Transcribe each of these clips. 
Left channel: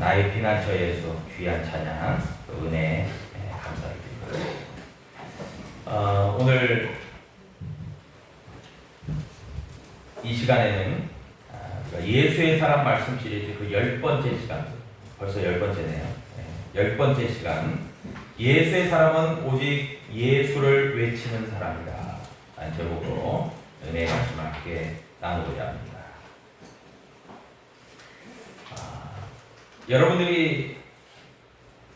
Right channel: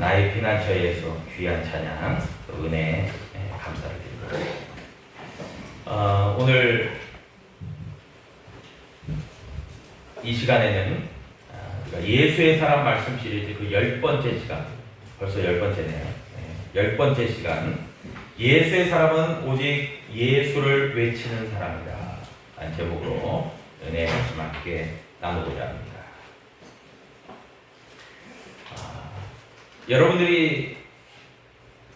나의 피난처에서 귀한 찬양, 은혜 감사를 드립니다. 오늘 이 시간에는 예수의 사람 말씀 시리즈 그 10번째 시간, 벌써 10번째네요. 10번째 시간, 예수의 사람은 오직 예수를 외치는 사람이다 라는 제목으로 은혜의 말씀 함께 나누고자 합니다. 여러분들이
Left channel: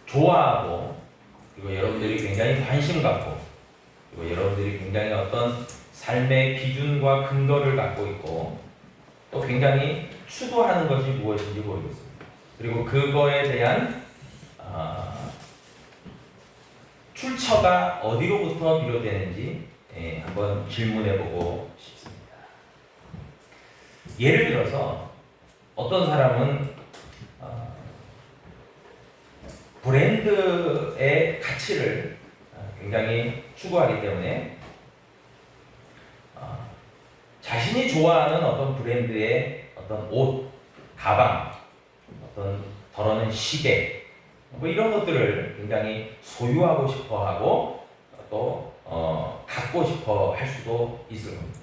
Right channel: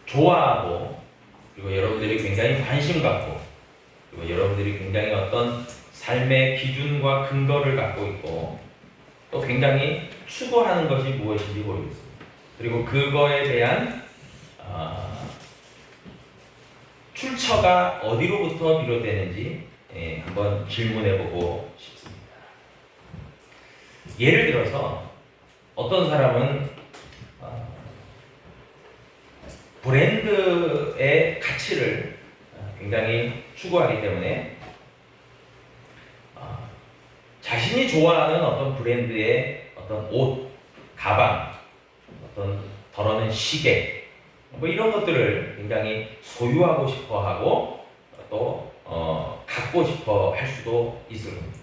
좋아하고, 그리고 여러분들이 굉장히 관심 갖고, 그리고 여러분들이 굉장히 어떤 삶의 기준과 근거를 갖고 있고, 또 굉장히 추구하는 것이 무엇인지 모르겠습니다. 그리고 그거에 대한 출처가 어디로부터 비롯되는지 한번 질문해보고 싶습니다. 예를 들어서 어떤 사람은 브랜드의 가치를 굉장히 추구하기 때문에 자신이 좋아하는 어떤 브랜드의 어떤 옷, 가방, 어떤 덜어는 시계, 뭐 이런 것들을 굉장히 소유하고 싶어하고 또 갖고 싶어 할 수도 있을 겁니다.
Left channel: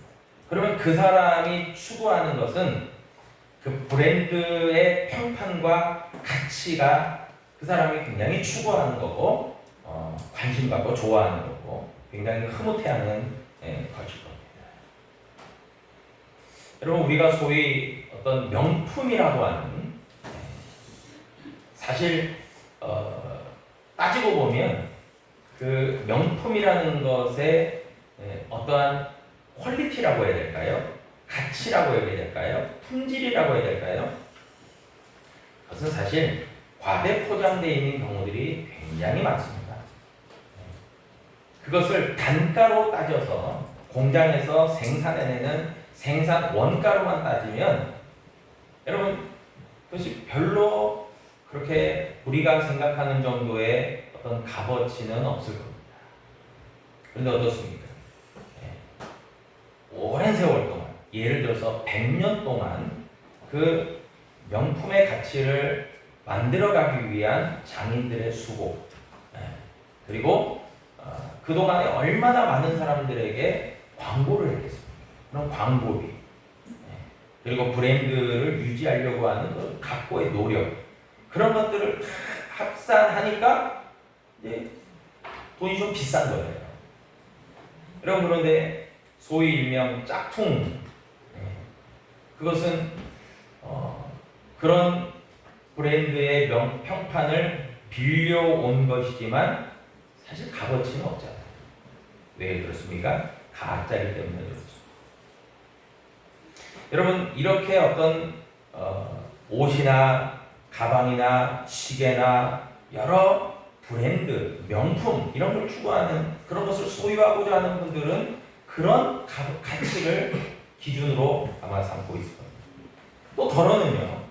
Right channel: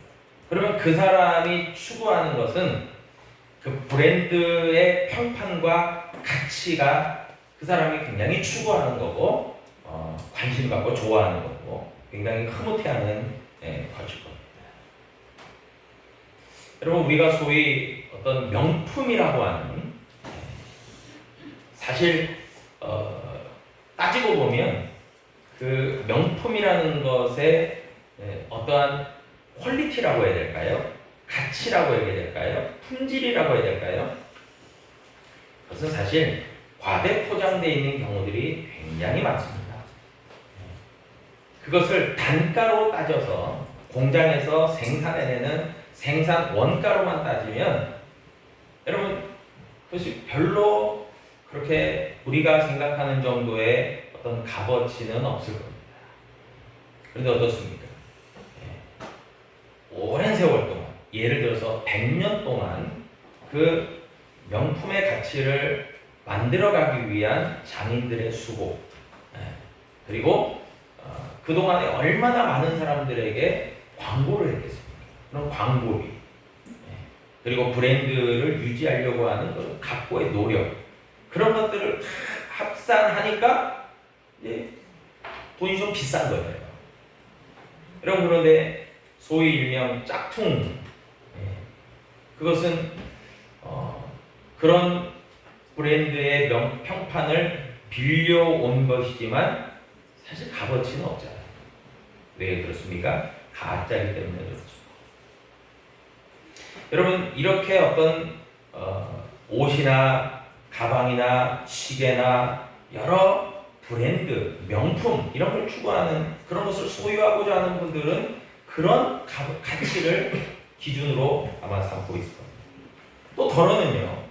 그러면 그 사람이 추구하는 것은 그 브랜드의 평판과 가치가 그 사람이 굉장히 추구하는 거고, 관심 갖고 좋아하는 거고, 굉장히 흐뭇해하는 것일 겁니다. 여러분, 우리가 소위 어떤 명품이라고 하는, 사실 따지고 보면 그 명품이라는 것의 어떠한 퀄리티라고 해야 될까요? 가치라고 해야 될까요? 품질이라고 해야 될까요? 그것은 사실 과대 포장되어 있는 경우들이 굉장히 많습니다. 그것을 단가로 따져서 공장에서 생산해내는 생산 원가로만 따지면 여러분 그것이 별로 그렇게 우리가 생각하는 정도의 어떤 값어치는 없을 겁니다. 그런데 어떻습니까? 오랜 세월 동안, 예를 들어서 100년 동안 그 명품의 가치를 만들어가기 위한 장인들의 수고, 그리고 그동안에 얼마나 많은 사람들에게 광고를 했겠습니까? 그런 광고비, 그리고 브랜드를 유지하려고 하는 그런 각고의 노력, 그런 것들을 합산하니까 돈이 좀 비싼 거예요. 여러분, 그런데 소위 일명 짝퉁, 그것은 그런 브랜드의 평판을 빌려온 것이지만 사실 값어치는 없잖아요. 왜 그렇습니까? 가짜이기 때문에 그렇죠. 여러분, 이렇게 어떤 옷이나 가방이나 시계나 여러 브랜드, 명품 이런 걸 추구하는, 그런 것을 소유하고자 하는 분들은 그런 가치를 기준으로 아마 삼고 있을 겁니다. 또 더러는요,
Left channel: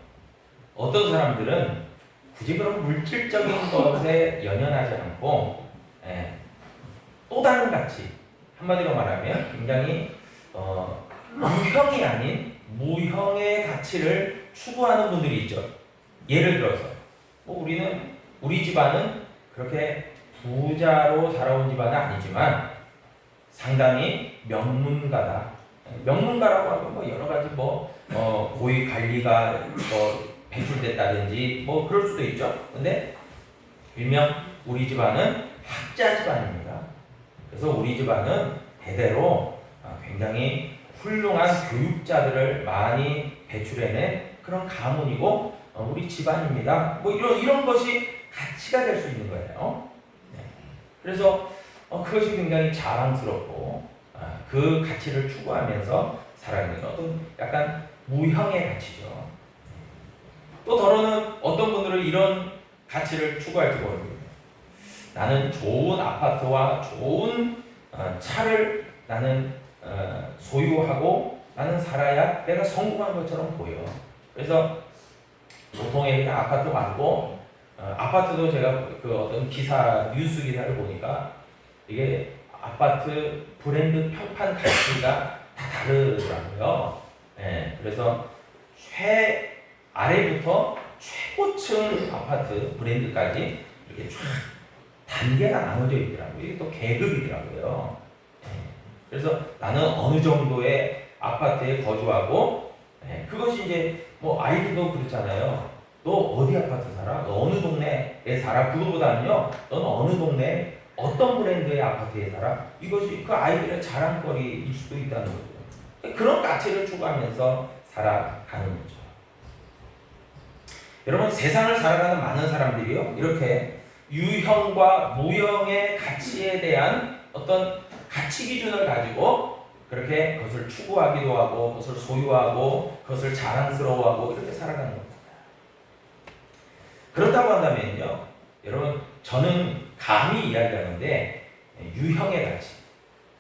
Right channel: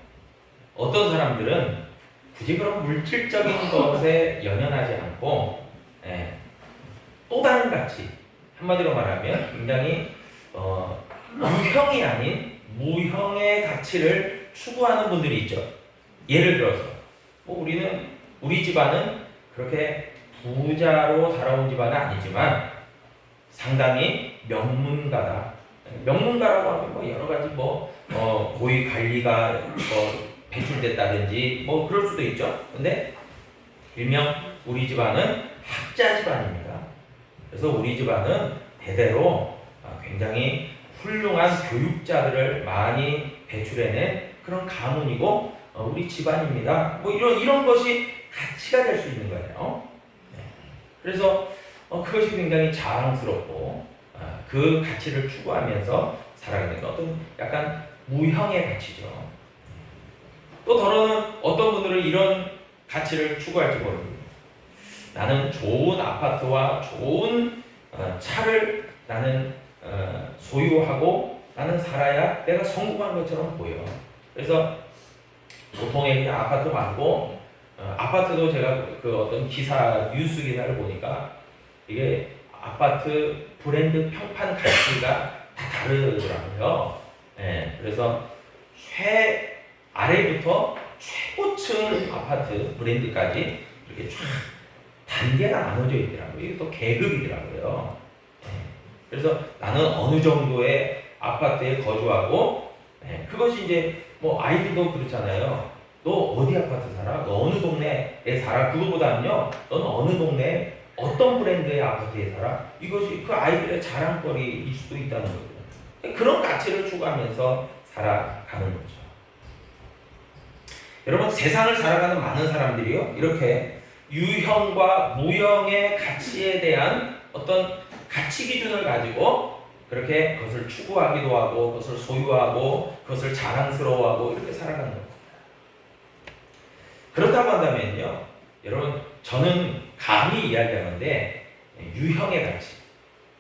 어떤 사람들은 굳이 그런 물질적인 것에 연연하지 않고 또 다른 가치, 한마디로 말하면 굉장히 유형이 아닌 무형의 가치를 추구하는 분들이 있죠. 예를 들어서 우리 집안은 그렇게 부자로 살아온 집안은 아니지만 상당히 명문가다. 명문가라고 하면 뭐 여러 가지 고위 관리가 배출됐다든지 그럴 수도 있죠. 근데 일명 우리 집안은 학자 집안입니다. 그래서 우리 집안은 대대로 굉장히 훌륭한 교육자들을 많이 배출해낸 그런 가문이고 우리 집안입니다. 이런 것이 가치가 될 수 있는 거예요. 그래서 그것이 굉장히 자랑스럽고 그 가치를 추구하면서 살아가는 어떤 약간 무형의 가치죠. 또 더러는 어떤 분들은 이런 가치를 추구할지 모릅니다. 나는 좋은 아파트와 좋은 차를 나는 소유하고 나는 살아야 내가 성공한 것처럼 보여. 그래서 보통의 그냥 아파트 말고 아파트도 제가 그 어떤 기사, 뉴스 기사를 보니까 이게 아파트 브랜드 평판 가치가 다 다르더라고요. 그래서 최 아래부터 최고층 아파트 브랜드까지 이렇게 쫙 단계가 나눠져 있더라고요. 이게 또 계급이더라고요. 그래서 나는 어느 정도의 아파트에 거주하고, 그것이 이제 뭐 아이들도 그렇잖아요. 너 어디 아파트 살아? 너 어느 동네에 살아? 그거보다는요, 너는 어느 동네 어떤 브랜드의 아파트에 살아? 이것이 그 아이들의 자랑거리일 수도 있다는 거죠. 그런 가치를 추구하면서 살아가는 거죠. 여러분, 세상을 살아가는 많은 사람들이요, 이렇게 유형과 무형의 가치에 대한 어떤 가치 기준을 가지고 그렇게 그것을 추구하기도 하고, 그것을 소유하고, 그것을 자랑스러워하고 이렇게 살아가는 겁니다. 그렇다고 한다면요, 여러분, 저는 감히 이야기하는데 유형의 가치,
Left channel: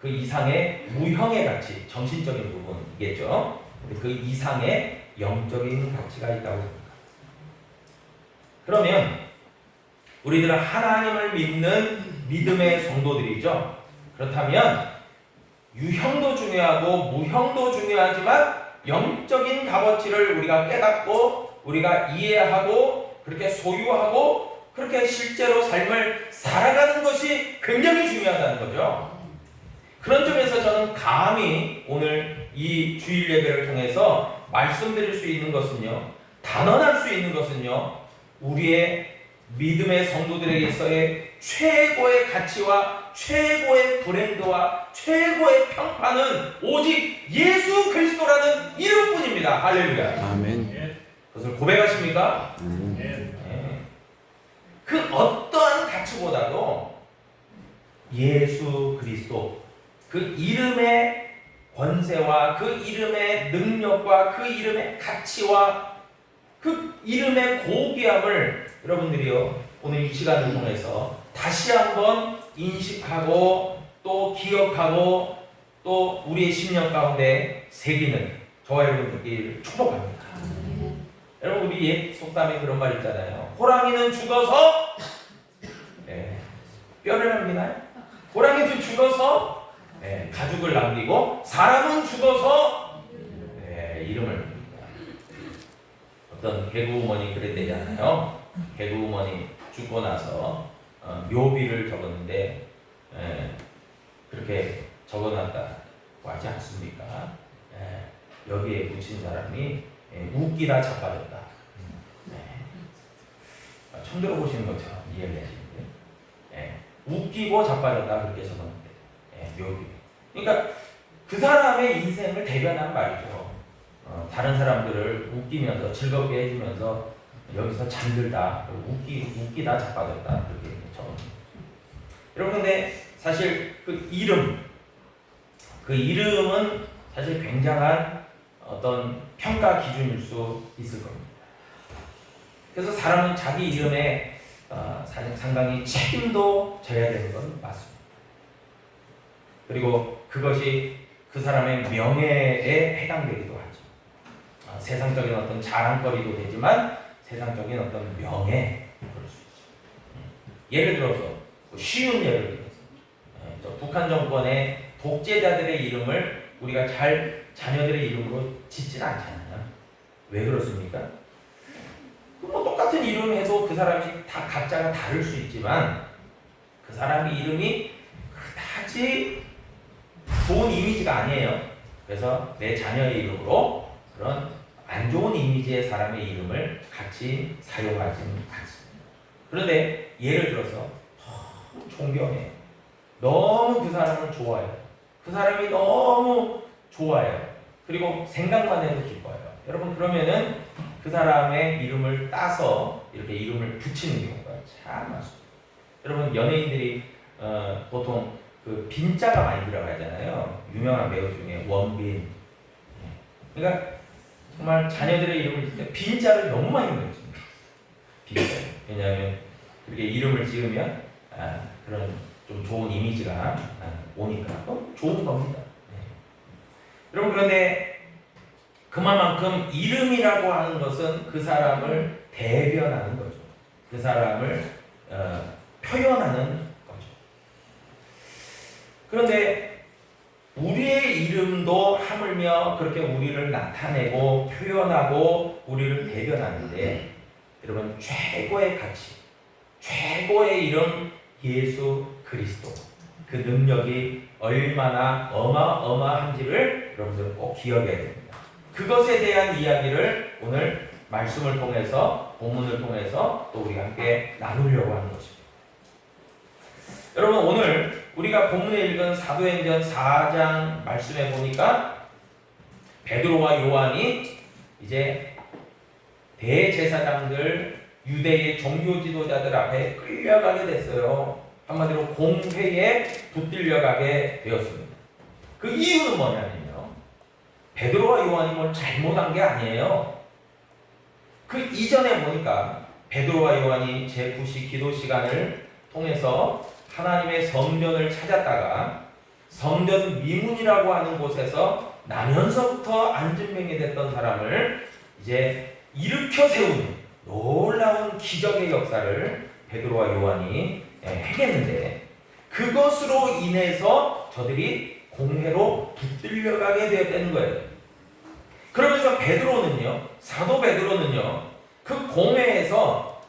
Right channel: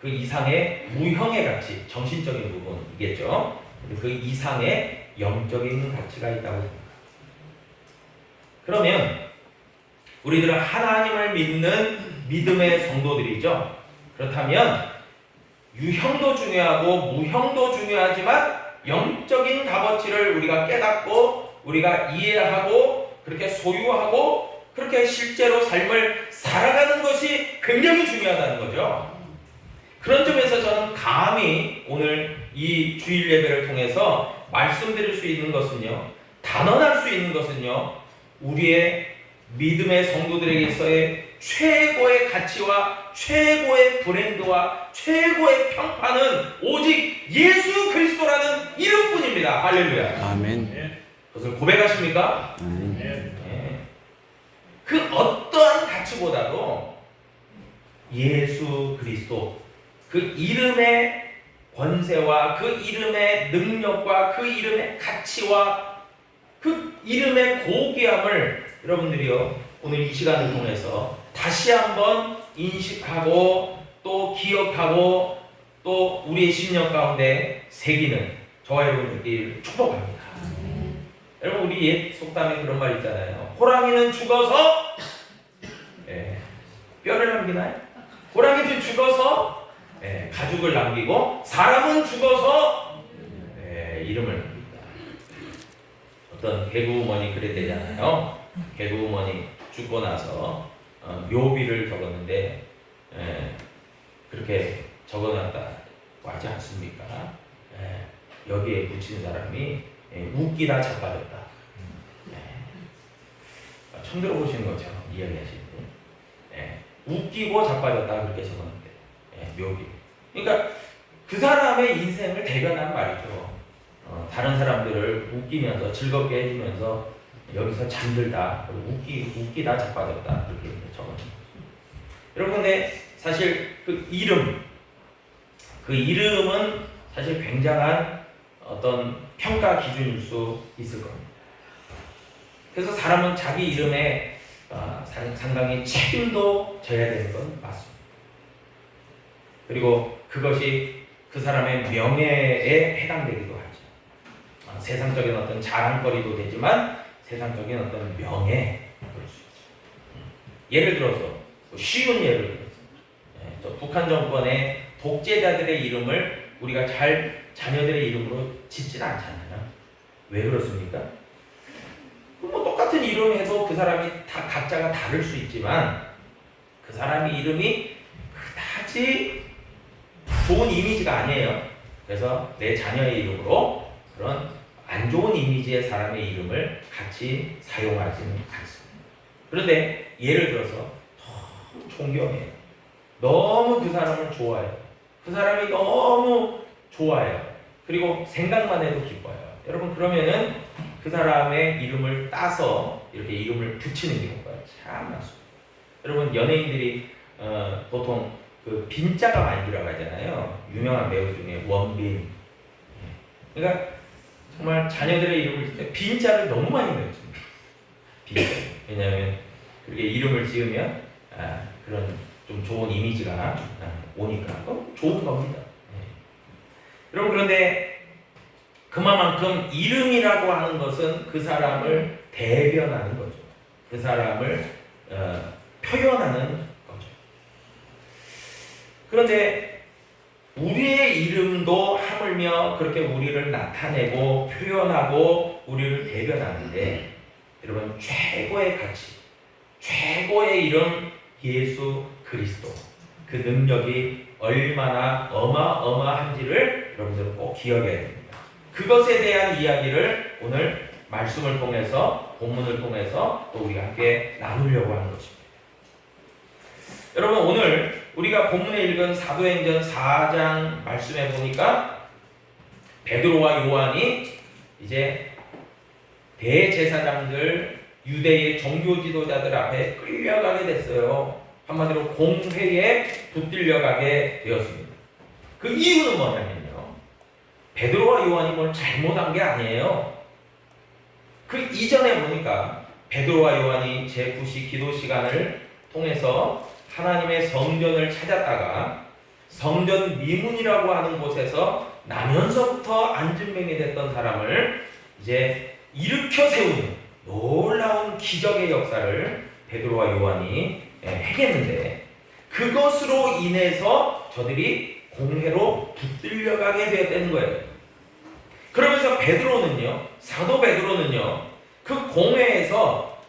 그 이상의 무형의 가치, 정신적인 부분이겠죠. 그 이상의 영적인 가치가 있다고 생각합니다. 그러면 우리들은 하나님을 믿는 믿음의 성도들이죠. 그렇다면 유형도 중요하고 무형도 중요하지만 영적인 값어치를 우리가 깨닫고 우리가 이해하고 그렇게 소유하고 그렇게 실제로 삶을 살아가는 것이 굉장히 중요하다는 거죠. 그런 점에서 저는 감히 오늘 이 주일 예배를 통해서 말씀드릴 수 있는 것은요, 단언할 수 있는 것은요, 우리의 믿음의 성도들에게서의 최고의 가치와 최고의 브랜드와 최고의 평판은 오직 예수 그리스도라는 이름뿐입니다. 할렐루야. 아멘. 그것을 고백하십니까? 아멘. 네. 그 어떠한 가치보다도 예수 그리스도, 그 이름의 권세와 그 이름의 능력과 그 이름의 가치와 그 이름의 고귀함을 여러분들이요, 오늘 이 시간을 통해서 다시 한번 인식하고 또 기억하고 또 우리의 심령 가운데 새기는 저와 여러분 되기를 축복합니다. 여러분, 우리 옛 속담에 그런 말 있잖아요. 호랑이는 죽어서 뼈를 남기나요? 호랑이는 죽어서 가죽을 남기고 사람은 죽어서 이름을 남깁니다. 어떤 개그우먼이 그랬대잖아요. 개그우먼이 죽고 나서 묘비를 적었는데 그렇게 적어놨다고 하지 않습니까? 여기에 붙인 사람이 웃기다 자빠졌다. 처음 들어보시는 것처럼 이야기하시는 분. 웃기고 자빠졌다 그렇게 적었는데 묘비. 그러니까 그 사람의 인생을 대변한 말이죠. 다른 사람들을 웃기면서 즐겁게 해주면서 여기서 잠들다, 웃기다 자빠졌다 그렇게 적었습니다. 여러분, 근데 사실 그 이름은 사실 굉장한 어떤 평가 기준일 수 있을 겁니다. 그래서 사람은 자기 이름에 상당히 책임도 져야 되는 건 맞습니다. 그리고 그것이 그 사람의 명예에 해당되기도 하죠. 세상적인 어떤 자랑거리도 되지만 세상적인 어떤 명예, 그럴 수 있죠. 예를 들어서 쉬운 예를 들어서 북한 정권의 독재자들의 이름을 우리가 자녀들의 이름으로 짓진 않잖아요. 왜 그렇습니까? 뭐 똑같은 이름 해도 그 사람이 다 각자가 다를 수 있지만 그 사람의 이름이 그다지 좋은 이미지가 아니에요. 그래서 내 자녀의 이름으로 그런 안 좋은 이미지의 사람의 이름을 같이 사용하지는 않습니다. 그런데 예를 들어서 너무 존경해요. 너무 그 사람을 좋아해요. 그 사람이 너무 좋아해요. 그리고 생각만 해도 기뻐요. 여러분, 그러면은 그 사람의 이름을 따서 이렇게 이름을 붙이는 경우가 참 많습니다. 여러분, 연예인들이 보통 그 빈자가 많이 들어가잖아요. 유명한 배우 중에 원빈. 그러니까 정말 자녀들의 이름을 짓을 때 빈자를 너무 많이 넣습니다. 빈자. 왜냐하면 그렇게 이름을 지으면 그런 좀 좋은 이미지가 오니까 좋은 겁니다. 여러분, 그런데 그만큼 이름이라고 하는 것은 그 사람을 대변하는 거죠. 그 사람을 표현하는 거죠. 그런데 우리의 이름도 하물며 그렇게 우리를 나타내고 표현하고 우리를 대변하는데 여러분 최고의 가치, 최고의 이름 예수 그리스도, 그 능력이 얼마나 어마어마한지를 여러분들 꼭 기억해야 됩니다. 그것에 대한 이야기를 오늘 말씀을 통해서, 본문을 통해서 또 우리가 함께 나누려고 하는 것입니다. 여러분 오늘 우리가 본문에 읽은 사도행전 4장 말씀에 보니까 베드로와 요한이 이제 대제사장들, 유대의 종교 지도자들 앞에 끌려가게 됐어요. 한마디로 공회에 붙들려가게 되었습니다. 그 이유는 뭐냐면요, 베드로와 요한이 뭘 잘못한 게 아니에요. 그 이전에 보니까 베드로와 요한이 제9시 기도 시간을 통해서 하나님의 성전을 찾았다가 성전 미문이라고 하는 곳에서 나면서부터 안진병이 됐던 사람을 이제 일으켜 세우는 놀라운 기적의 역사를 베드로와 요한이 행했는데, 그것으로 인해서 저들이 공회로 붙들려가게 되었다는 거예요. 그러면서 베드로는요, 사도 베드로는요, 그 공회에서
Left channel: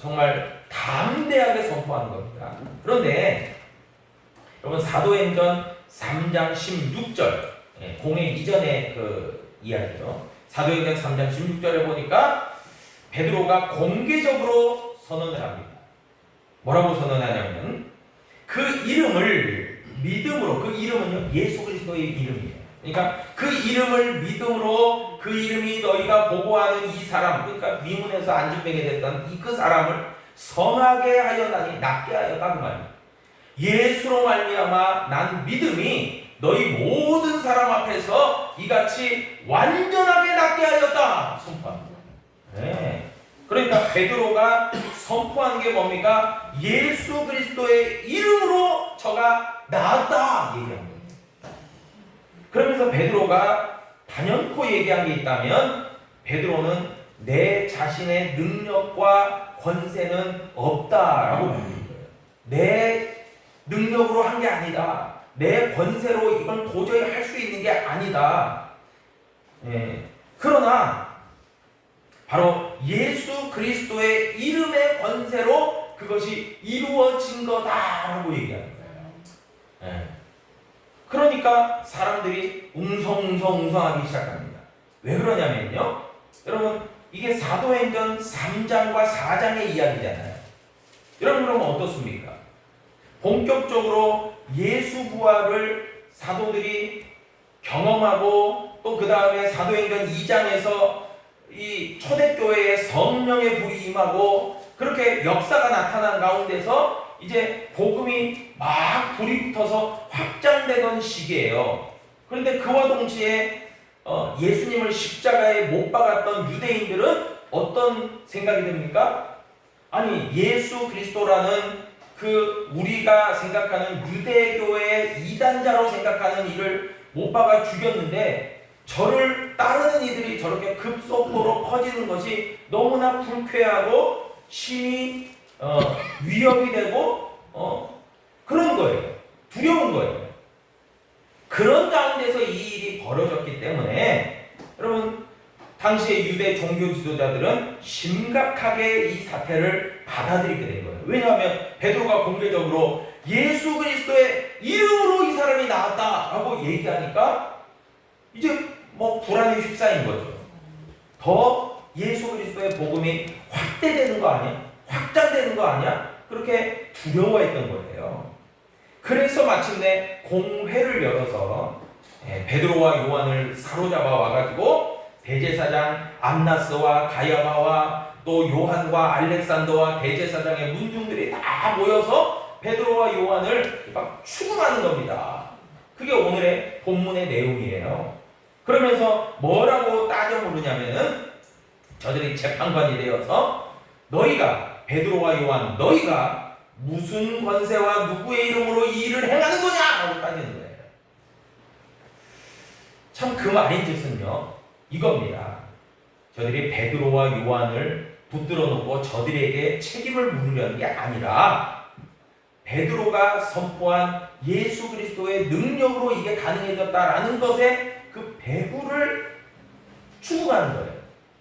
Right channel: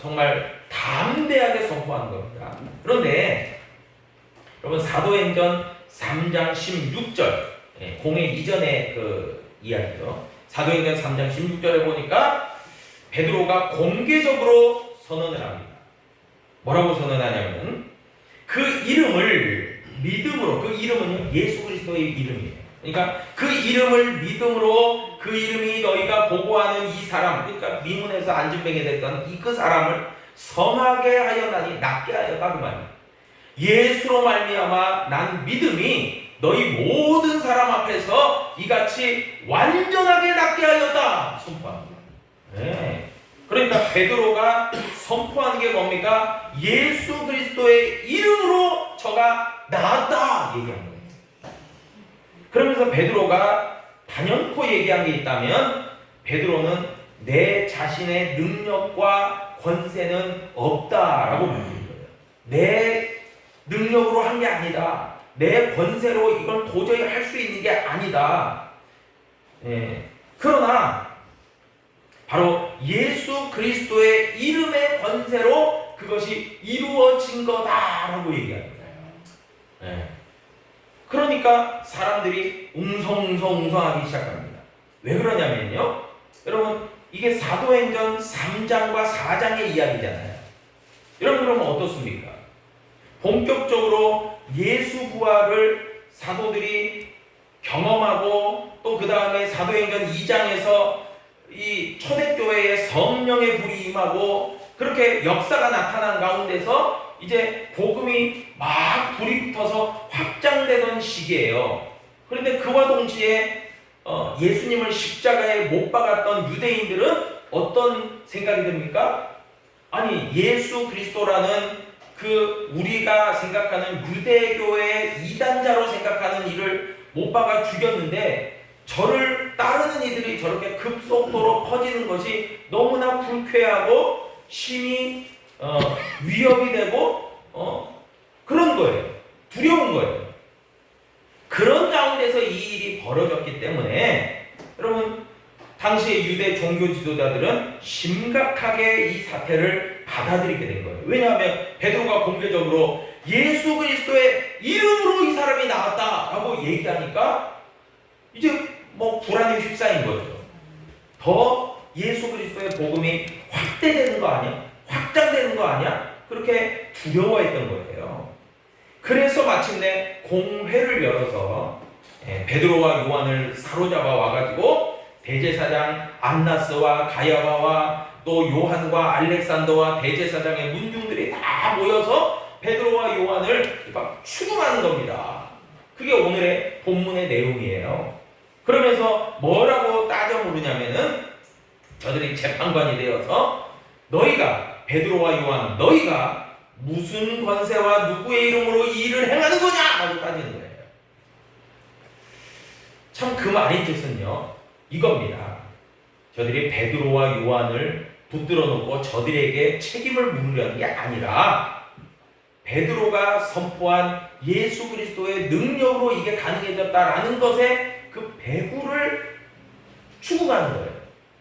정말 담대하게 선포하는 겁니다. 그런데 여러분 사도행전 3장 16절, 공회 이전의 그 이야기죠. 사도행전 3장 16절에 보니까 베드로가 공개적으로 선언을 합니다. 뭐라고 선언하냐면 그 이름을 믿음으로, 그 이름은요 예수 그리스도의 이름이에요. 그러니까 그 이름을 믿음으로, 그 이름이 너희가 보고하는 이 사람, 그러니까 미문에서 안진병이 됐던 그 사람을 성하게 하였나니, 낫게 하였다 그 말이에요. 예수로 말미암아 난 믿음이 너희 모든 사람 앞에서 이같이 완전하게 낫게 하였다 선포합니다. 네. 그러니까 베드로가 선포하는 게 뭡니까? 예수 그리스도의 이름으로 저가 나았다 얘기하는 거예요. 그러면서 베드로가 단연코 얘기한 게 있다면, 베드로는 내 자신의 능력과 권세는 없다라고 말합니다. 내 능력으로 한 게 아니다. 내 권세로 이건 도저히 할 수 있는 게 아니다. 그러나 바로 예수 그리스도의 이름의 권세로 그것이 이루어진 거다라고 얘기합니다. 그러니까 사람들이 웅성웅성하기 시작합니다. 왜 그러냐면요, 여러분 이게 사도행전 3장과 4장의 이야기잖아요. 여러분 그러면 어떻습니까? 본격적으로 예수 부활을 사도들이 경험하고, 또 그 다음에 사도행전 2장에서 이 초대교회에 성령의 불이 임하고 그렇게 역사가 나타난 가운데서 이제 복음이 막 불이 붙어서 확장되던 시기예요. 그런데 그와 동시에 예수님을 십자가에 못 박았던 유대인들은 어떤 생각이 듭니까? 아니 예수 그리스도라는 그 우리가 생각하는 유대교의 이단자로 생각하는 이를 못 박아 죽였는데, 저를 따르는 이들이 저렇게 급속도로 퍼지는 것이 너무나 불쾌하고 심히 위협이 되고 그런 거예요. 두려운 거예요. 그런 가운데서 이 일이 벌어졌기 때문에 여러분 당시의 유대 종교 지도자들은 심각하게 이 사태를 받아들이게 된 거예요. 왜냐하면 베드로가 공개적으로 예수 그리스도의 이름으로 이 사람이 나왔다라고 얘기하니까 이제 뭐 불안에 휩싸인 거죠. 더 예수 그리스도의 복음이 확대되는 거 아니야? 확장되는 거 아니야? 그렇게 두려워했던 거예요. 그래서 마침내 공회를 열어서 베드로와 요한을 사로잡아 와가지고 대제사장 안나스와 가야바와 또 요한과 알렉산더와 대제사장의 문중들이 다 모여서 베드로와 요한을 막 추궁하는 겁니다. 그게 오늘의 본문의 내용이에요. 그러면서 뭐라고 따져 물으냐면은, 저들이 재판관이 되어서 너희가 베드로와 요한, 너희가 무슨 권세와 누구의 이름으로 이 일을 행하는 거냐? 라고 따지는 거예요. 참 그 말인 뜻은요 이겁니다. 저들이 베드로와 요한을 붙들어 놓고 저들에게 책임을 물으려는 게 아니라, 베드로가 선포한 예수 그리스도의 능력으로 이게 가능해졌다라는 것에 그 배부를 추구하는 거예요.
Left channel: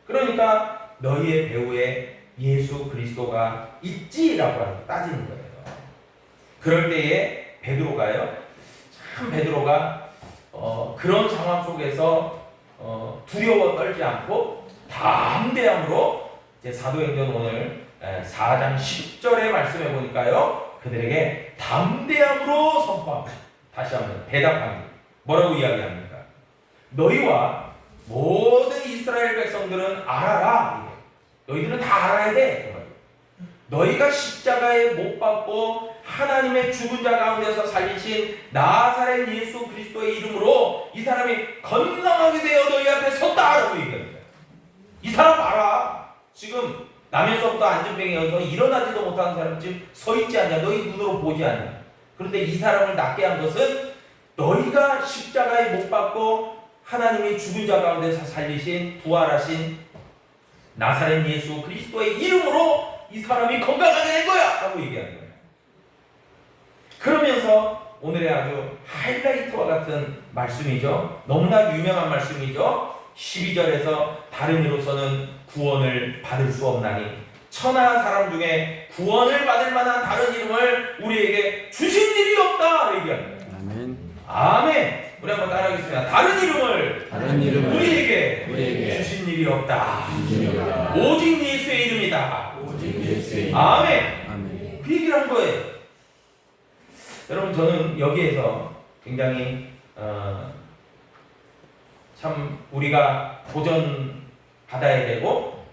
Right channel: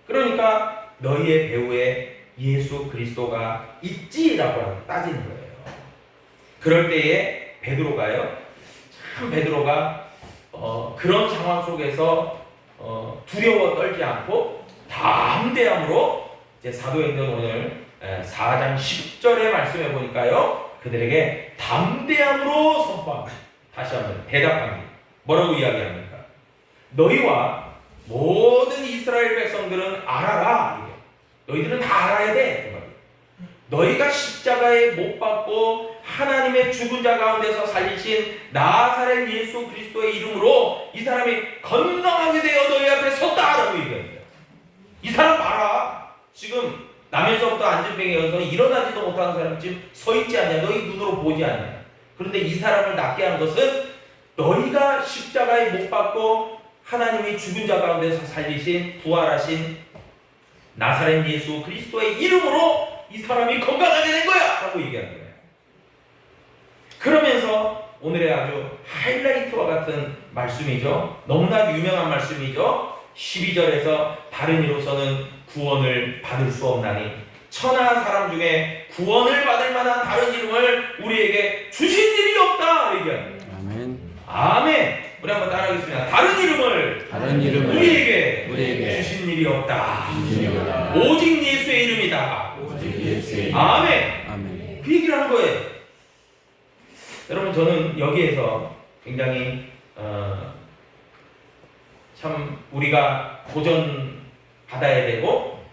그러니까 너희의 배후에 예수 그리스도가 있지라고 따지는 거예요. 그럴 때에 베드로가요, 참 베드로가 그런 상황 속에서 두려워 떨지 않고 담대함으로 이제 사도행전 오늘 4장 10절의 말씀에 보니까요, 그들에게 담대함으로 선포합니다. 다시 한번 대답합니다. 뭐라고 이야기합니까? 너희와 모든 이스라엘 백성들은 알아라. 너희들은 다 알아야 돼. 너희가 십자가에 못 박고 하나님의 죽은 자 가운데서 살리신 나사렛 예수 그리스도의 이름으로 이 사람이 건강하게 되어 너희 앞에 섰다라고 얘기합니다. 이 사람 봐라. 지금 나면서부터 안진병이어서 일어나지도 못하는 사람 지금 서 있지 않냐. 너희 눈으로 보지 않냐. 그런데 이 사람을 낫게 한 것은 너희가 십자가에 못 박고 하나님이 죽은 자 가운데서 살리신 부활하신 나사렛 예수 그리스도의 이름으로 이 사람이 건강하게 된 거야! 라고 얘기하는 거예요. 그러면서 오늘의 아주 하이라이트와 같은 말씀이죠. 너무나 유명한 말씀이죠. 12절에서 다른 이로서는 구원을 받을 수 없나니 천하 사람 중에 구원을 받을 만한 다른 이름을 우리에게 주신 일이 없다! 얘기합니다. 아멘. 아멘. 우리 한번 따라하겠습니다. 다른 이름을 우리에게 주신 일이 없다. 오직 예수의 이름이다. 아멘. 아멘. 그 얘기를 한 거예요. 여러분, 저는 여기에서 굉장히 참 우리가 도전받아야 되고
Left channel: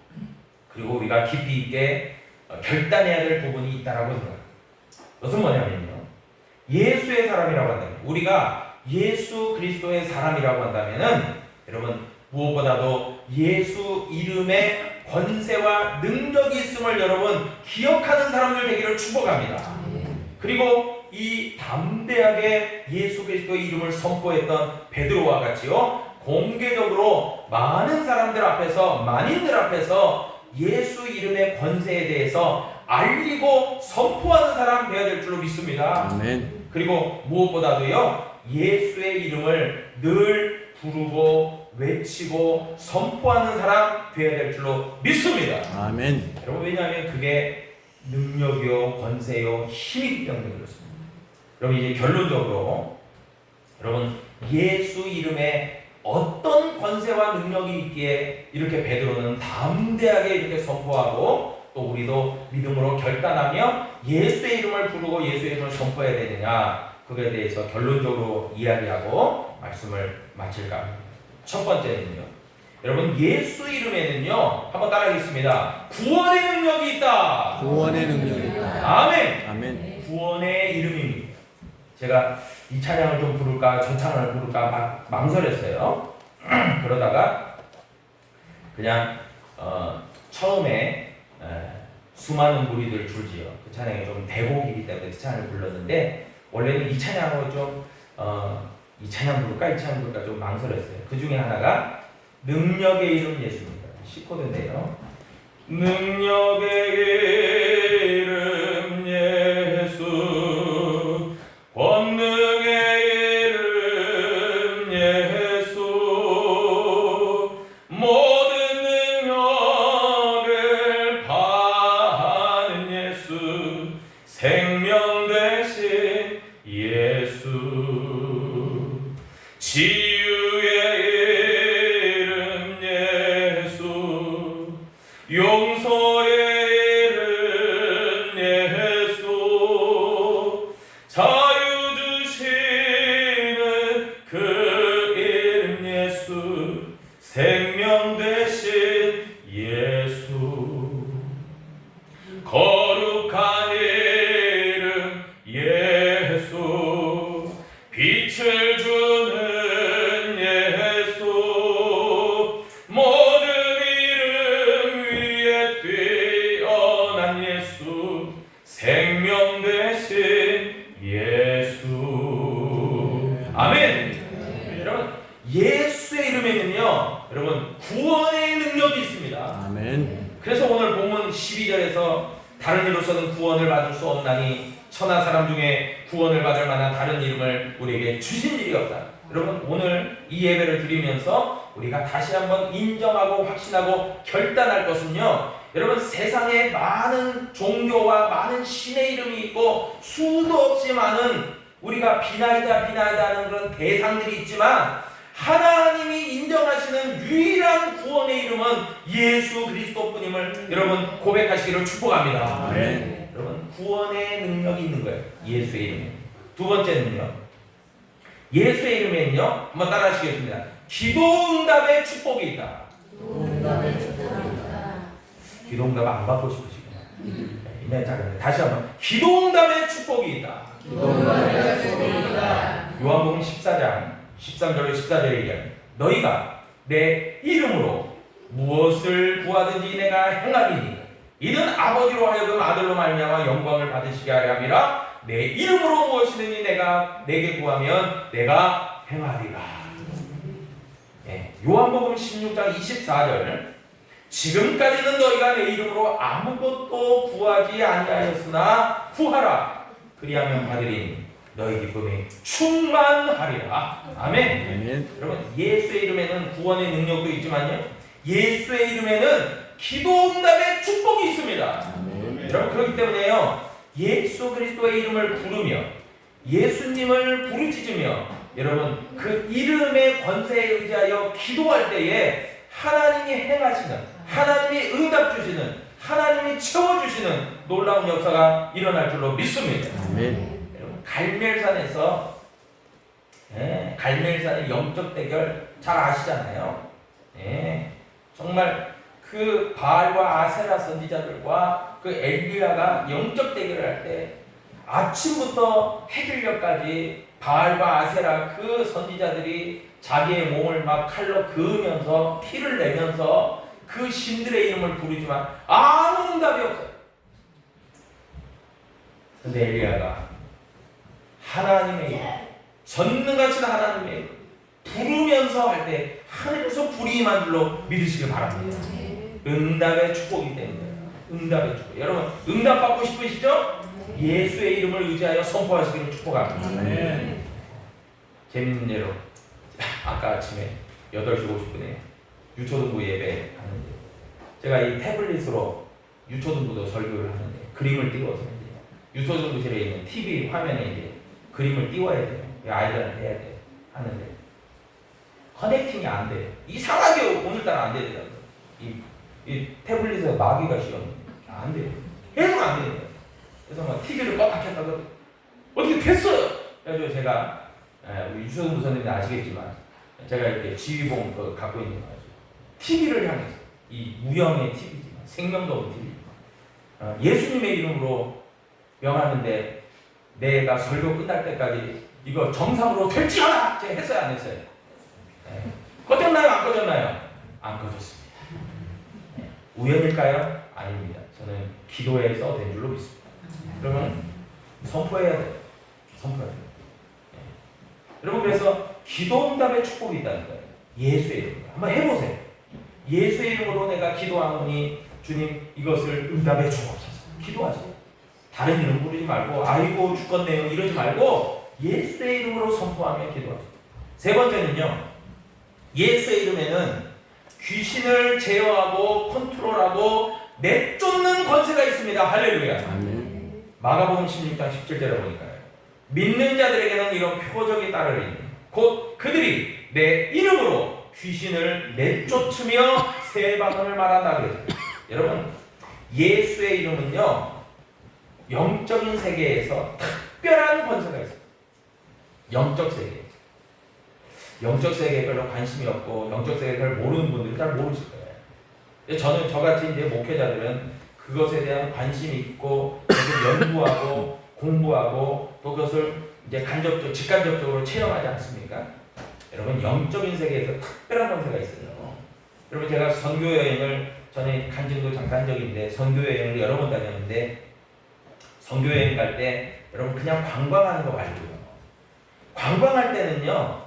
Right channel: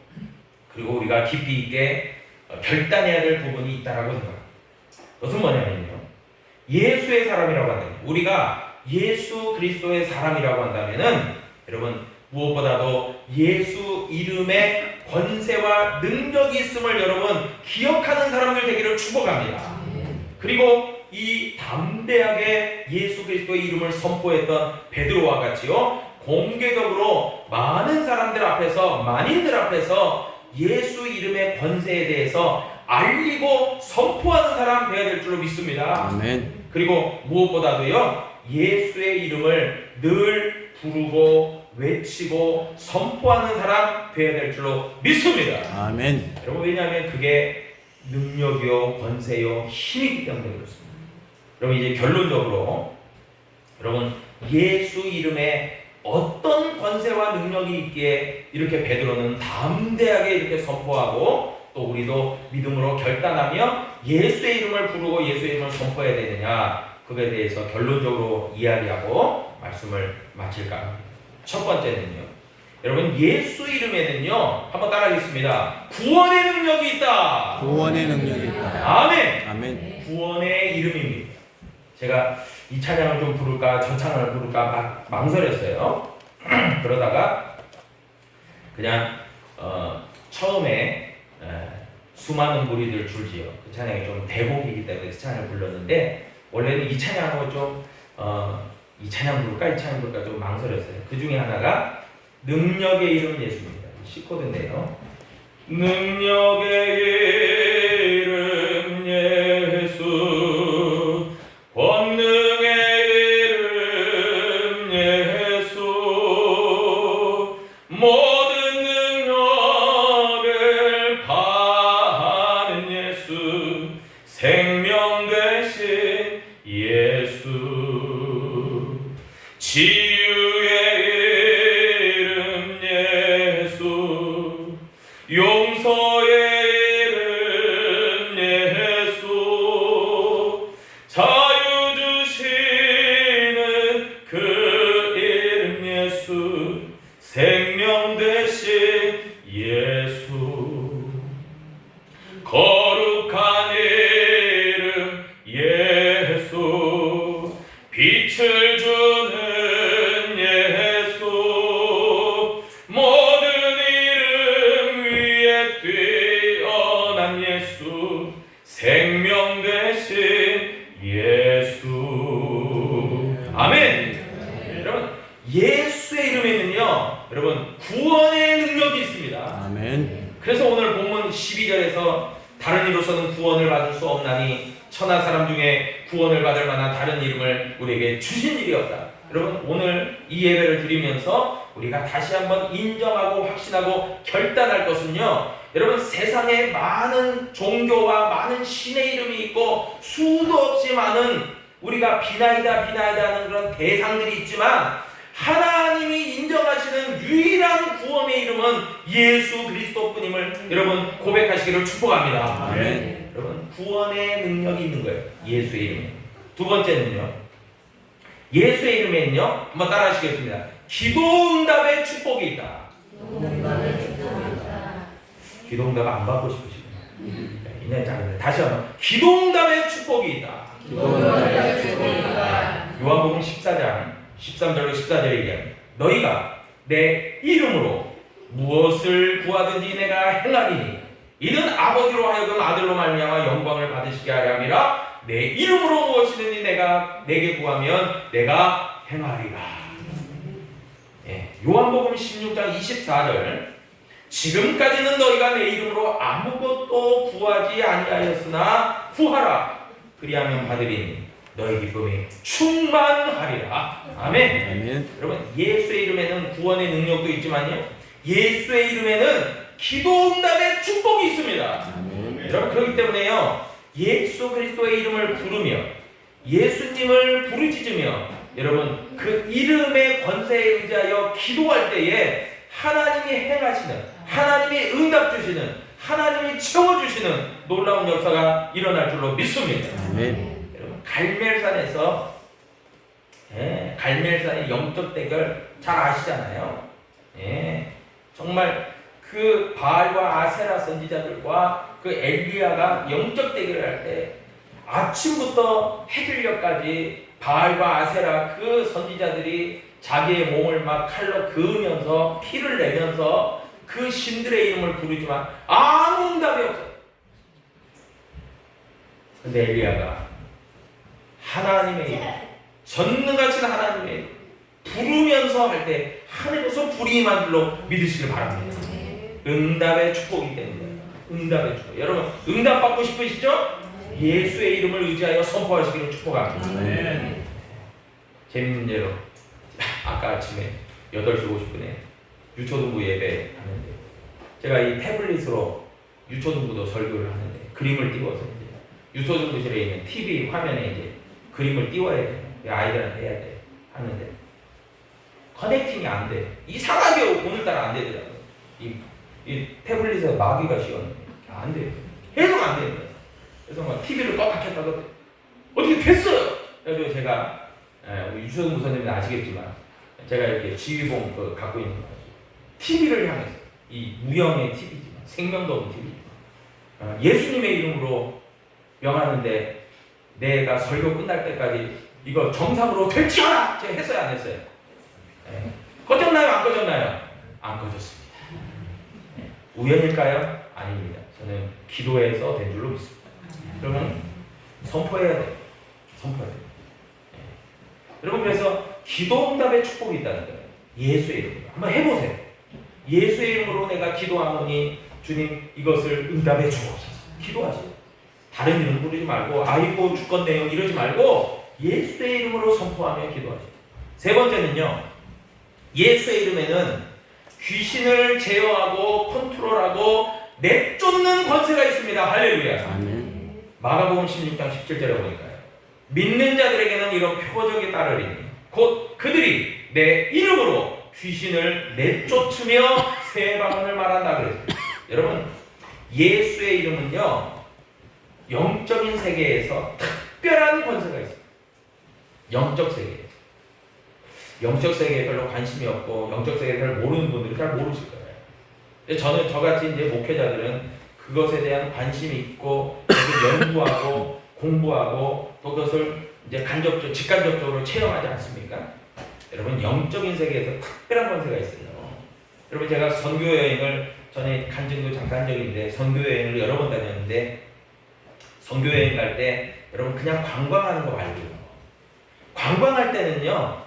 그리고 우리가 깊이 있게 결단해야 될 부분이 있다라고 생각합니다. 그것은 뭐냐면요, 예수의 사람이라고 한다면, 우리가 예수 그리스도의 사람이라고 한다면은 여러분, 무엇보다도 예수 이름에 권세와 능력이 있음을 여러분 기억하는 사람들 되기를 축복합니다. 그리고 이 담대하게 예수 그리스도의 이름을 선포했던 베드로와 같이요, 공개적으로 많은 사람들 앞에서, 만인들 앞에서 예수 이름의 권세에 대해서 알리고 선포하는 사람 되어야 될 줄로 믿습니다. 아멘. 그리고 무엇보다도요, 예수의 이름을 늘 부르고 외치고 선포하는 사람 되어야 될 줄로 믿습니다. 아멘. 여러분, 왜냐하면 그게 능력이요, 권세요, 힘이기 때문에 그렇습니다. 여러분, 이제 결론적으로 여러분, 예수 이름에 어떤 권세와 능력이 있기에 이렇게 베드로는 담대하게 이렇게 선포하고 또 우리도 믿음으로 결단하며 예수의 이름을 부르고 예수의 이름을 선포해야 되느냐, 그거에 대해서 결론적으로 이야기하고 말씀을 마칠까 합니다. 첫 번째는요, 여러분, 예수 이름에는요, 한번 따라하겠습니다. 구원의 능력이 있다. 구원의 능력이 있다. 아멘. 아멘. 구원의 이름입니다. 제가 이 찬양을 좀 부를까 저 찬양을 부를까 막 망설였어요. 그러다가 그냥 처음에 수많은 무리들 줄지어, 그 찬양이 좀 대목이기 때문에 그 찬양을 불렀는데, 원래는 이 찬양하고 좀 이 찬양 부를까 이 찬양 부를까 좀 망설였어요. 그 중에 하나가 능력의 이름 예수입니다. C코드인데요. 능력의 이름 예수, 권능의 이름 예수, 모든 능력을 받는 예수, 생명 되신 예수, 치유의 이름 예수, 용서의 이름 예수, 자유 주시는 그 이름 예수, 생명 되신 예수, 거룩한 이름 예수, 빛을 주는 예수, 모든 이름 위에 뛰어난 예수, 생명 되신 예수. 아멘. 여러분, 예수의 이름에는요, 여러분, 구원의 능력이 있습니다. 아멘. 그래서 오늘 본문 12절에서 다른 이로서는 구원을 받을 수 없나니 천하 사람 중에 구원을 받을 만한 다른 이름을 우리에게 주신 일이 없다. 여러분, 오늘 이 예배를 드리면서 우리가 다시 한번 인정하고 확신하고 결단할 것은요, 여러분, 세상에 많은 종교와 많은 신의 이름이 있고 수도 없이 많은 우리가 비나이다 하는 그런 대상들이 있지만, 하나님이 인정하시는 유일한 구원의 이름은 예수 그리스도뿐임을 여러분 고백하시기를 축복합니다. 아멘. 여러분, 구원의 능력이 있는 거예요. 예수의 이름에. 두 번째는요, 예수의 이름에는요, 한번 따라하시겠습니다. 기도응답의 축복이 있다. 기도응답 안 받고 싶으시구나. 이내 작은데 다시 한번, 기도응답의 축복이 있다. 요한복음 14장 13절로 14절에 얘기합니다. 너희가 내 이름으로 무엇을 구하든지 내가 행하리니 이는 아버지로 하여금 아들로 말미암아 영광을 받으시게 하려 함이라. 내 이름으로 무엇이든지 내가 내게 구하면 내가 행하리라. 예, 요한복음 16장 24절, 지금까지는 너희가 내 이름으로 아무것도 구하지 아니하였으나 구하라. 그리하면 받으리니 너희 기쁨이 충만하리라. 아멘. 아멘. 여러분, 예수의 이름에는 구원의 능력도 있지만요, 예수의 이름에는 기도응답의 축복이 있습니다. 아멘. 여러분, 그렇기 때문에요, 예수 그리스도의 이름을 부르며 예수님을 부르짖으며 여러분 그 이름의 권세에 의지하여 기도할 때에 하나님이 행하시는, 하나님이 응답 주시는, 하나님이 채워주시는 놀라운 역사가 일어날 줄로 믿습니다. 아멘. 갈멜산에서, 갈멜산의 영적 대결 잘 아시잖아요. 정말 그 바알과 아세라 선지자들과 그 엘리야가 영적 대결을 할 때 아침부터 해질녘까지 바알과 아세라 그 선지자들이 자기의 몸을 막 칼로 그으면서 피를 내면서 그 신들의 이름을 부르지만 아무 응답이 없어요. 근데 엘리야가 하나님의 이름, 전능하신 하나님의 이름 부르면서 할 때 하늘에서 불이 임한 줄로 믿으시길 바랍니다. 응답의 축복이 되는 거예요. 응답의 축복. 여러분, 응답 받고 싶으시죠? 예수의 이름을 의지하여 선포하시기를 축복합니다. 아멘. 재밌는 예로, 아까 아침에 8시 50분에 유초등부 예배 하는데 제가 이 태블릿으로 유초등부도 설교를 하는데 그림을 띄워서 이제 유초등부실에 있는 TV 화면에 이제 그림을 띄워야 돼요. 아이들한테 해야 돼요. 하는데 커넥팅이 안 돼요. 이상하게 오늘따라 안 되더라고요. 이 태블릿에 마귀가 씌웠는데 안 돼요. 계속 안 돼요. 그래서 막 TV를 꽉 켰다가 어떻게 됐어요? 그래서 제가 우리 유수영 부사님이 아시겠지만 제가 이렇게 지휘봉 갖고 있는 거 가지고 TV를 향해서, 이 무형의 TV지만 생명도 없는 TV지만 예수님의 이름으로 명하는데 내가 설교 끝날 때까지 이거 정상으로 될지 않아! 제가 했어요, 안 했어요? 꺼졌나요? 안 꺼졌나요? 안 꺼졌습니다. 우연일까요? 아닙니다. 저는 기도해서 된 줄로 믿습니다. 여러분, 선포해야 돼요. 선포해야 돼요. 여러분, 그래서 기도응답의 축복이 있다는 거예요. 예수의 이름으로 한번 해보세요. 예수의 이름으로 내가 기도하노니 주님 이것을 응답해 주옵소서. 기도하세요. 다른 이름 부르지 말고 아이고 죽겠네요 이러지 말고 예수의 이름으로 선포하며 기도하세요. 세 번째는요, 예수의 이름에는 귀신을 제어하고 컨트롤하고 내쫓는 권세가 있습니다. 할렐루야. 아멘. 마가복음 16장 17절에 보니까요, 믿는 자들에게는 이런 표적이 따르리니 곧 그들이 내 이름으로 귀신을 내쫓으며 새 방언을 말한다 그랬어요. 여러분, 예수의 이름은요, 영적인 세계에서 특별한 권세가 있어요. 영적 세계에서. 영적 세계에 별로 관심이 없고 영적 세계를 잘 모르는 분들은 잘 모르실 거예요. 저는 저같이 이제 목회자들은 그것에 대한 관심이 있고 연구하고 공부하고 또 그것을 이제 직간접적으로 체험하지 않습니까? 여러분, 영적인 세계에서 특별한 권세가 있어요. 여러분, 제가 선교 여행을 전에 간 적도 잠깐 적인데 선교 여행을 여러 번 다녔는데 선교 여행 갈 때 여러분 그냥 관광하는 거 말고요. 관광할 때는요,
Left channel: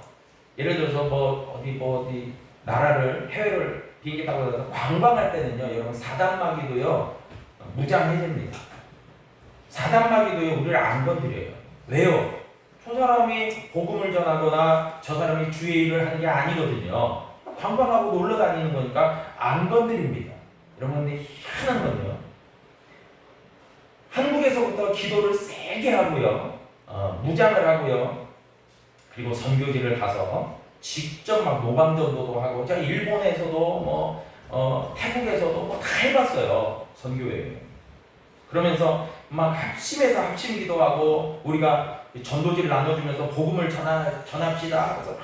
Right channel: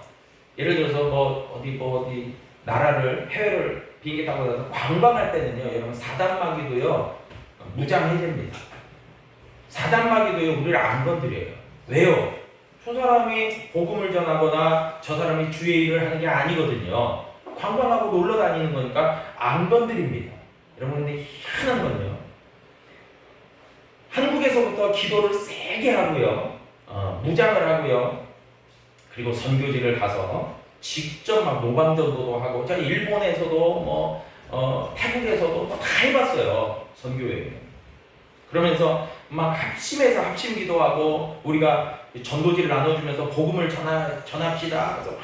예를 들어서 어디 나라를 해외를 비행기 타고 가서 관광할 때는요, 여러분 사단마귀도요 무장 해제입니다. 사단마귀도요 우리를 안 건드려요. 왜요? 저 사람이 복음을 전하거나 저 사람이 주의 일을 하는 게 아니거든요. 그냥 관광하고 놀러 다니는 거니까 안 건드립니다. 여러분, 근데 희한한 건요, 한국에서부터 기도를 세게 하고요, 무장을 하고요, 그리고 선교지를 가서 직접 막 노방전도도 하고, 제가 일본에서도 뭐 태국에서도 뭐 다 해봤어요, 선교회. 그러면서 막 합심해서 합심 기도하고, 우리가 전도지를 나눠주면서 복음을 전합시다. 그래서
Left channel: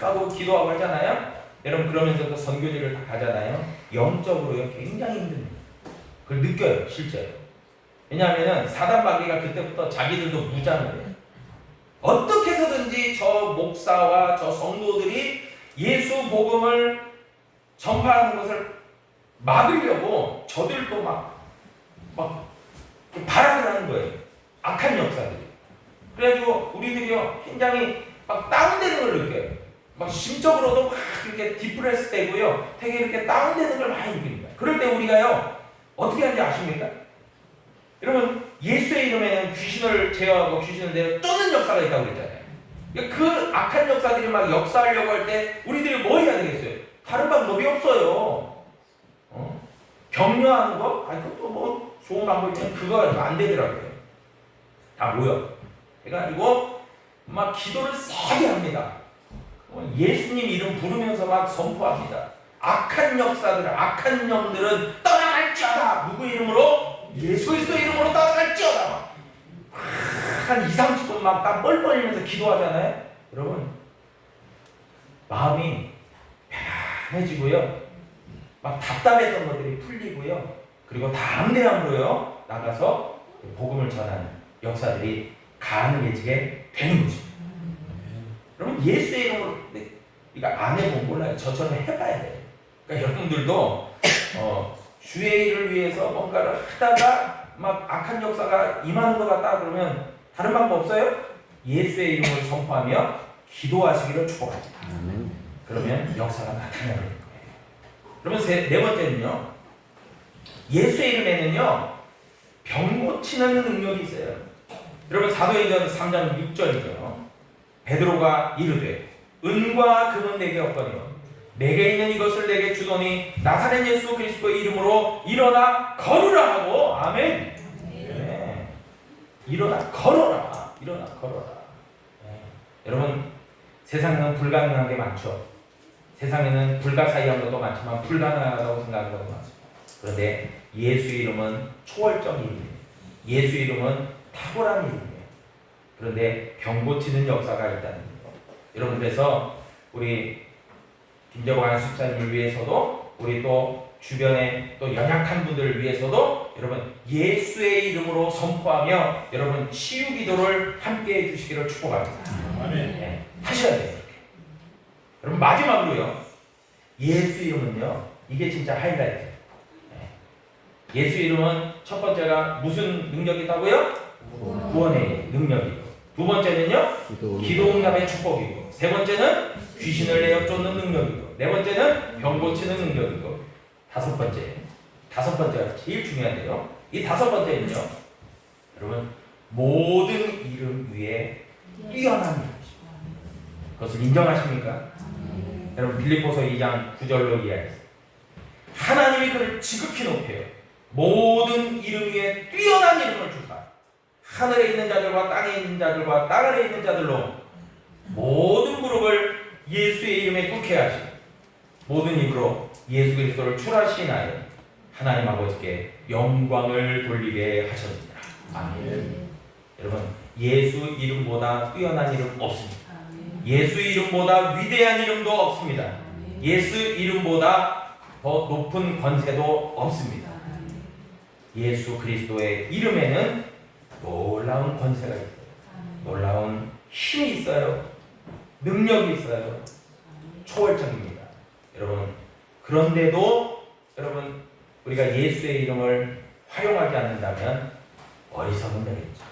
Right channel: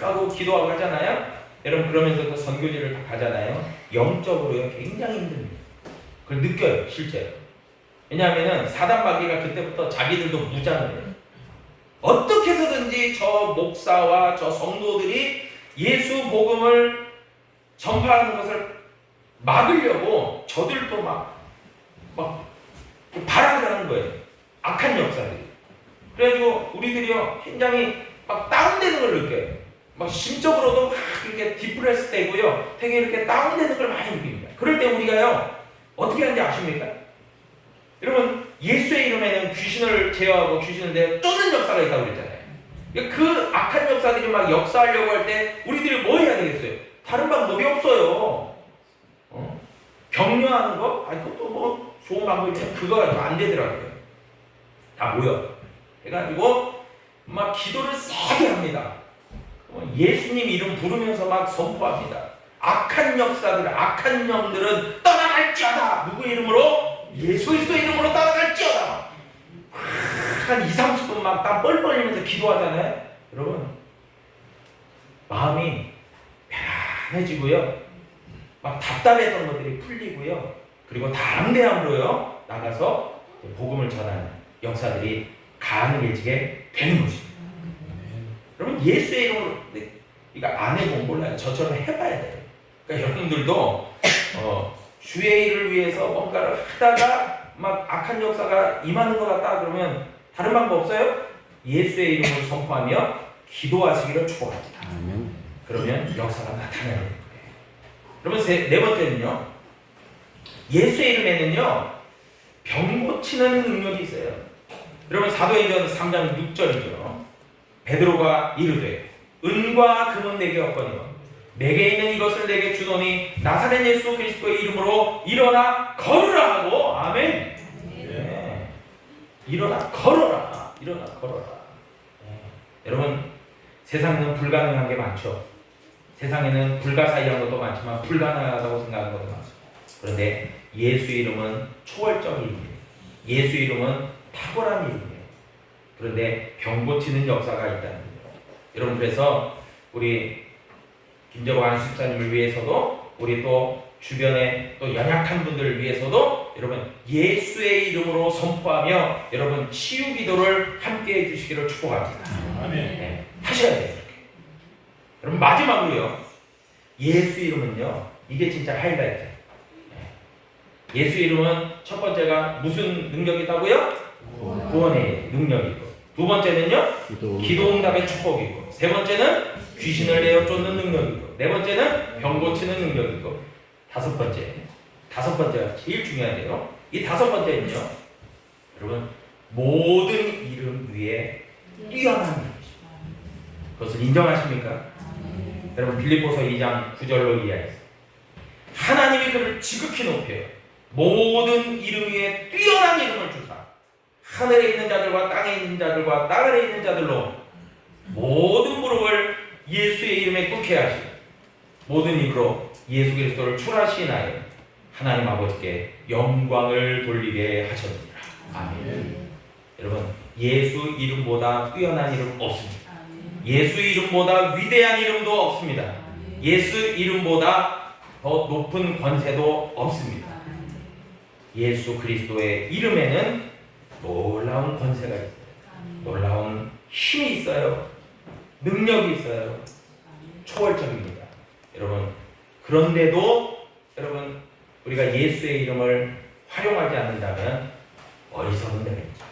막 하고 기도하고 하잖아요. 여러분, 그러면서 또 선교지를 다 가잖아요. 영적으로요, 굉장히 힘듭니다. 그걸 느껴요, 실제로. 왜냐하면 사단마귀가 그때부터 자기들도 무장을 해요. 어떻게 해서든지 저 목사와 저 성도들이 예수 복음을 전파하는 것을 막으려고 저들도 막 발악을 하는 거예요. 악한 역사들이. 그래가지고 우리들이요, 굉장히 막 다운되는 걸 느껴요. 막 심적으로도 막 이렇게 디프레스 되고요, 되게 이렇게 다운되는 걸 많이 느낍니다. 그럴 때 우리가요, 어떻게 하는지 아십니까? 여러분, 예수의 이름에는 귀신을 제어하고 귀신을 내어 쫓는 역사가 있다고 그랬잖아요. 그 악한 역사들이 막 역사하려고 할 때 우리들이 뭐 해야 되겠어요? 다른 방법이 없어요. 격려하는 거? 아니, 그것도 뭐 좋은 방법이면 그거 가지고 안 되더라고요. 다 모여 해가지고 막 기도를 세게 합니다. 예수님 이름 부르면서 막 선포합니다. 악한 역사들, 악한 영들은 떠나갈지어다. 누구 이름으로? 예수 그리스도의 이름으로 떠나갈지어다. 한 2~30분 막 땀 뻘뻘 흘리면서 기도하잖아요. 여러분, 마음이 편안해지고요, 막 답답했던 것들이 풀리고요, 그리고 담대함으로요 나가서 복음을 전하는 역사들이 가능해지게 되는 것입니다. 여러분, 예수의 이름으로, 이거 안 해보면 몰라요. 저처럼 해봐야 돼요. 그러니까 여러분들도 주의 일을 위해서 뭔가를 하다가 막 악한 역사가 임하는 것 같다 그러면 다른 방법 없어요? 예수의 이름을 선포하며 기도하시기를 축복합니다. 아멘. 그러면 역사가 나타나는 거예요. 그러면 네 번째는요, 예수의 이름에는요 병 고치는 능력이 있어요. 여러분, 사도행전 3장 6절이죠. 베드로가 이르되 은과 금은 내게 없거니와 내게 있는 이것을 내게 주더니 나사렛 예수 그리스도의 이름으로 일어나 걸으라 하고. 아멘. 네. 일어나 걸어라. 일어나 걸어라. 네. 여러분, 세상에는 불가능한 게 많죠. 세상에는 불가사의한 것도 많지만 불가능하다고 생각하는 것도 많습니다. 그런데 예수의 이름은 초월적인 이름이에요. 예수의 이름은 탁월한 이름이에요. 그런데 병 고치는 역사가 있다는 거예요. 여러분, 그래서 우리 김재관 집사님을 위해서도, 우리 또 주변에 또 연약한 분들을 위해서도 여러분 예수의 이름으로 선포하며 여러분 치유 기도를 함께 해주시기를 축복합니다. 아멘. 네, 하셔야 돼요. 이렇게. 여러분, 마지막으로요, 예수 이름은요, 이게 진짜 하이라이트예요. 네. 예수 이름은 첫 번째가 무슨 능력이 있다고요? 구원의 능력이고, 두 번째는요, 기도 응답의 축복이고, 세 번째는 귀신을 내어 쫓는 능력이고, 네 번째는 병 고치는 능력이고, 다섯 번째가 제일 중요한데요, 이 다섯 번째는요, 여러분 모든 이름 위에 뛰어난 이름이십니다. 그것을 인정하십니까? 여러분, 빌립보서 2장 9절로 이해하세요. 하나님이 그를 지극히 높여요. 모든 이름 위에 뛰어난 이름을 주사 하늘에 있는 자들과 땅에 있는 자들과 땅 아래에 있는 자들로 모든 무릎을 예수의 이름에 꿇게 하시고 모든 입으로 예수 그리스도를 출하시나요 하나님 아버지께 영광을 돌리게 하셨습니다. 아멘. 여러분, 예수 이름보다 뛰어난 이름 없습니다. 예수 이름보다 위대한 이름도 없습니다. 예수 이름보다 더 높은 권세도 없습니다. 예수 그리스도의 이름에는 놀라운 권세가 있어요. 놀라운 힘이 있어요. 능력이 있어요. 초월적입니다. 여러분, 그런데도 여러분, 우리가 예수의 이름을 활용하지 않는다면 어리석은 자겠죠.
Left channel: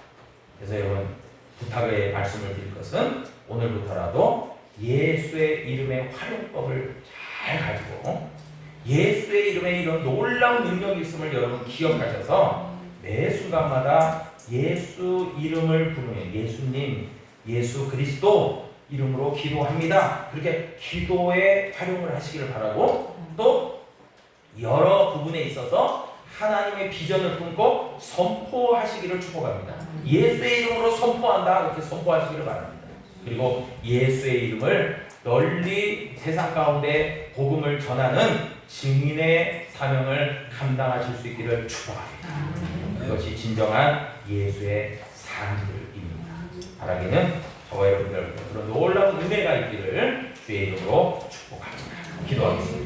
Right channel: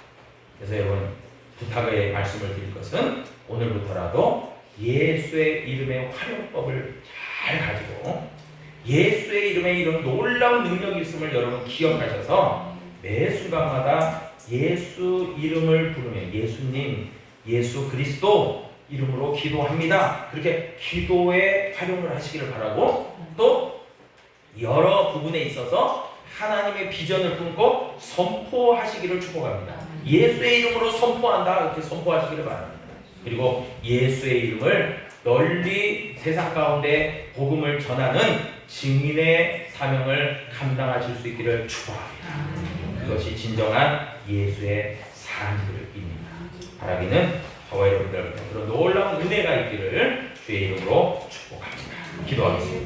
그래서 여러분, 부탁의 말씀을 드릴 것은 오늘부터라도 예수의 이름의 활용법을 잘 가지고 예수의 이름에 이런 놀라운 능력이 있음을 여러분 기억하셔서 매 순간마다 예수 이름을 부르며 예수님, 예수 그리스도 이름으로 기도합니다. 그렇게 기도에 활용을 하시기를 바라고, 또 여러 부분에 있어서 하나님의 비전을 품고 선포하시기를 축복합니다. 예수의 이름으로 선포한다, 이렇게 선포하시기를 바랍니다. 그리고 예수의 이름을 널리 세상 가운데 복음을 전하는 증인의 사명을 감당하실 수 있기를 축복합니다. 그것이 진정한 예수의 사람들입니다. 바라기는 저와 여러분들 그런 놀라운 은혜가 있기를 주의 이름으로 축복합니다. 기도하겠습니다.